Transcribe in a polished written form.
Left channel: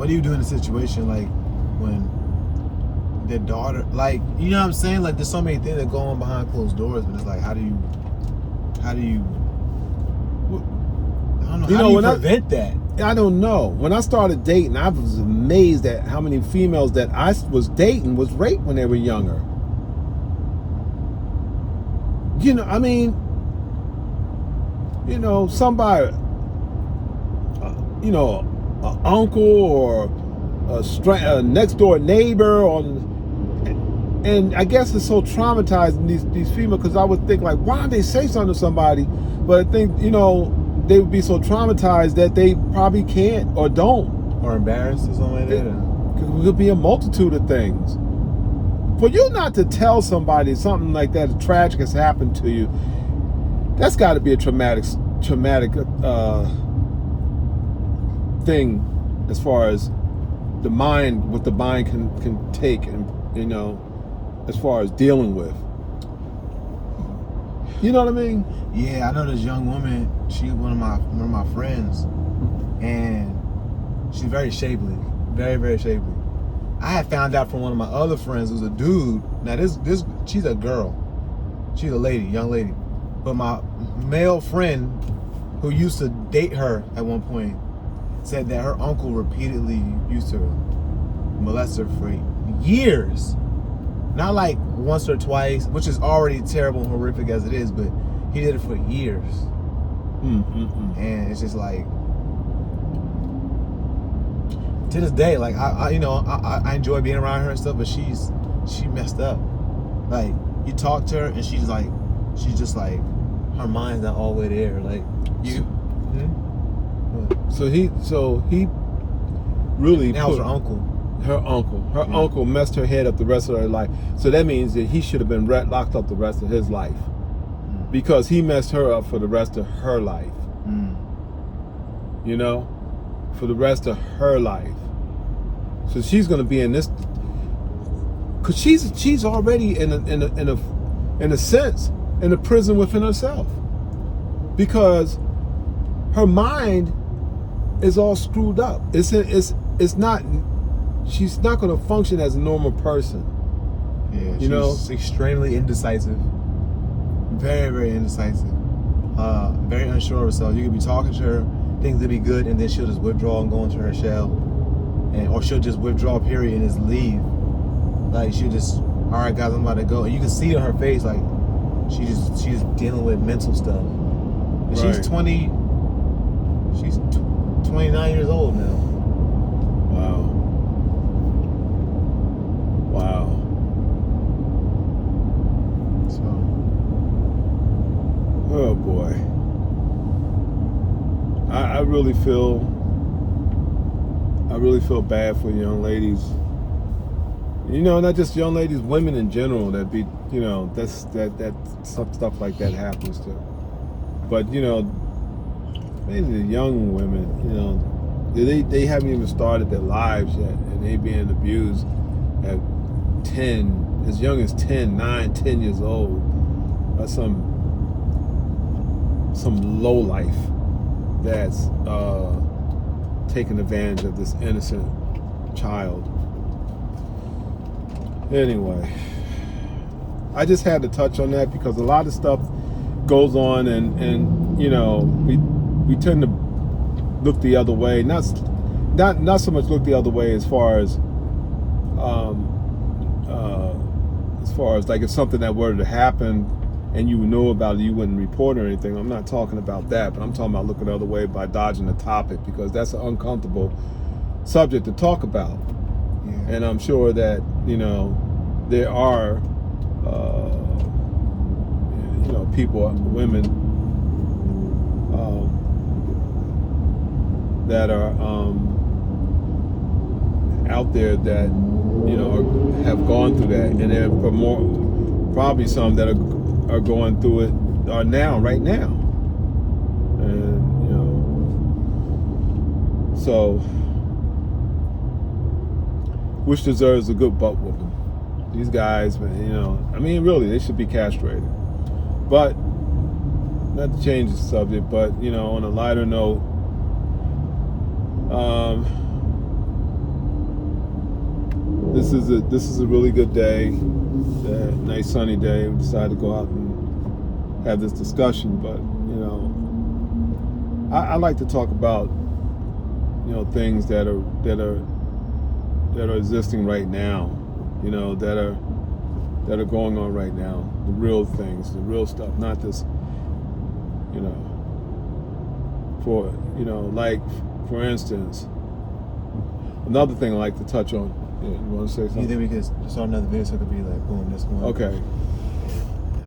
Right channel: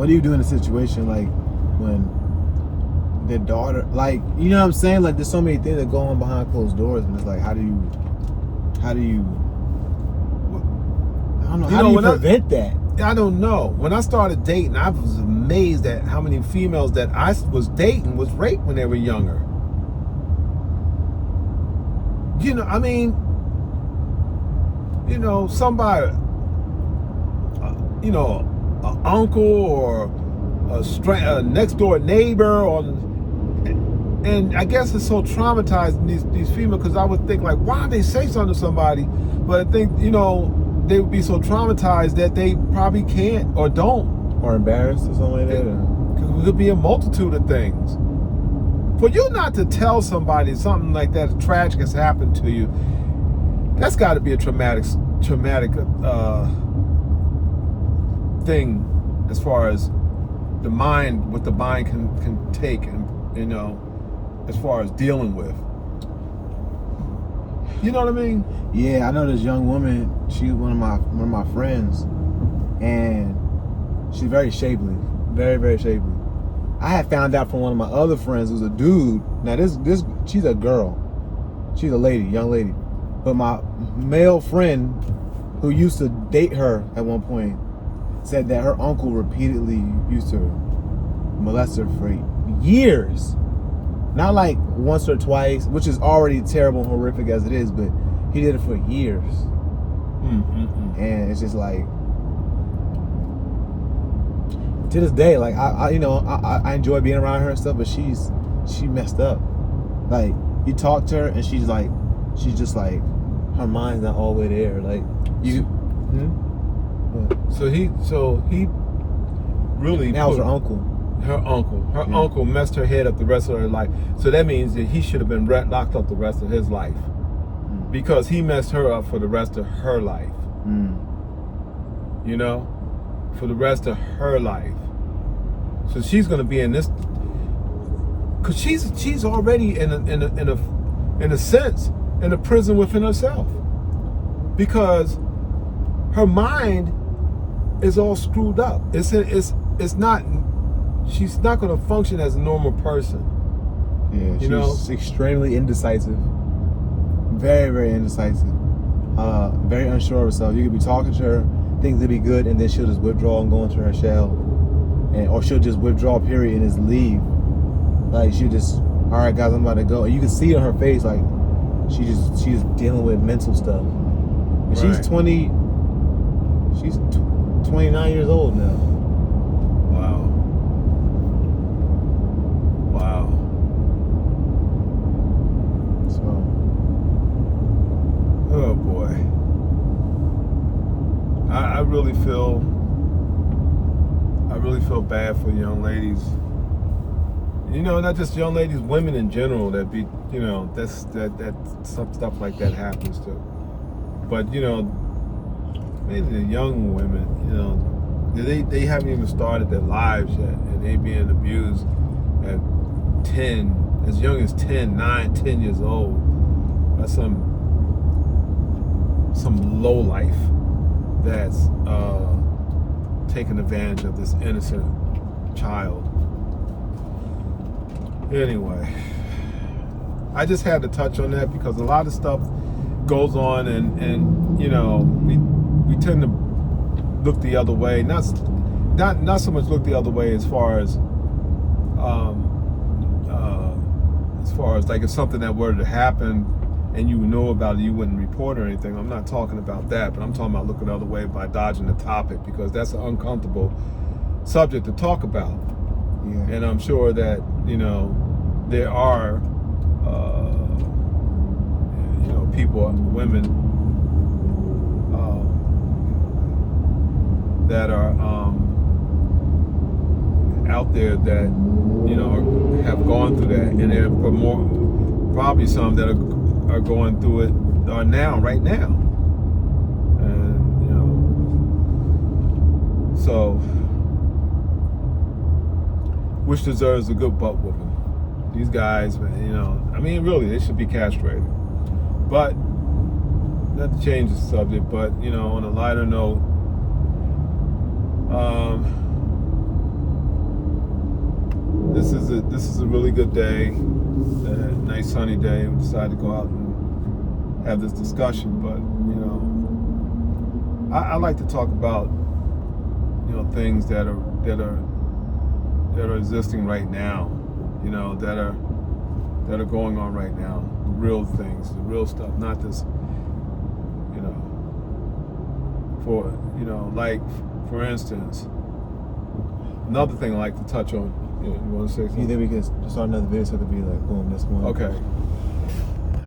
what do you do in a situation like when the daughter, like, you know what I'm saying? Like, there's so many things that go on behind closed doors, but it's like, how do you, I don't know, how do you prevent that? I don't know. When I started dating, I was amazed at how many females that I was dating was raped when they were younger. You know, I mean, you know, somebody, you know, an uncle or a next door neighbor, and I guess it's so traumatizing these females, because I would think like, why don't they say something to somebody? But I think, you know, they would be so traumatized that they probably can't or don't. Or embarrassed or something like that? It could be a multitude of things. For you not to tell somebody something like that, tragic has happened to you, that's got to be a traumatic thing, as far as the mind, what the mind can take, and, you know, as far as dealing with. You know what I mean? Yeah, I know this young woman. She's one of my friends, and she's very shapely, very, very shapely. I had found out from one of my other friends who's a dude. Now this she's a girl, she's a lady, young lady, but my male friend who used to date her at one point said that her uncle repeatedly used to molest her for years. Not like once or twice, which is already terrible and horrific as it is, but he did it for years. And it's just like, to this day, like I I enjoy being around her and stuff, but she messed up. Like, you talk to her and she's just like, her mind's not all the way there. Like, you. So he really. That was her uncle. Her uncle messed her head up the rest of her life. So that means that he should have been locked up the rest of his life, because he messed her up for the rest of her life. You know, for the rest of her life. So she's gonna be in this, because she's already in a sense in a prison within herself, because her mind is all screwed up. It's not. She's not going to function as a normal person. Yeah, she's extremely indecisive. Very, very indecisive. Very unsure of herself. You could be talking to her, things will be good, and then she'll just withdraw and go into her shell. Or she'll just withdraw, period, and just leave. Like, she'll just, all right, guys, I'm about to go. And you can see on her face, like, she's dealing with mental stuff. And right. She's 29 years old now. Oh boy, I really feel bad for young ladies. You know, not just young ladies, women in general that be, you know, that some stuff like that happens to. But you know, these are young women. You know, they haven't even started their lives yet, and they being abused at 10, as young as 10, 9, 10 years old. That's some low life that's taking advantage of this innocent child. Anyway, I just had to touch on that because a lot of stuff goes on, and you know, we tend to look the other way. Not so much look the other way as far as like, if something that were to happen and you know about it, you wouldn't report or anything. I'm not talking about that, but I'm talking about looking the other way by dodging the topic, because that's an uncomfortable subject to talk about. Yeah. And I'm sure that, you know, there are you know, people, women that are out there that, you know, have gone through that, and there are more, probably some that are going through it right now, and you know, so which deserves a good butt whooping. These guys, man, you know, I mean, really, they should be castrated. But not to change the subject, but you know, on a lighter note, is a really good day, nice sunny day. We decided to go out and have this discussion, but you know, I like to talk about, you know, things that are existing right now, you know, that are going on right now, the real things, the real stuff, not this, you know, like for instance, another thing I like to touch on. You want to say something? You think we can start another video so it could be like boom, this one? Okay.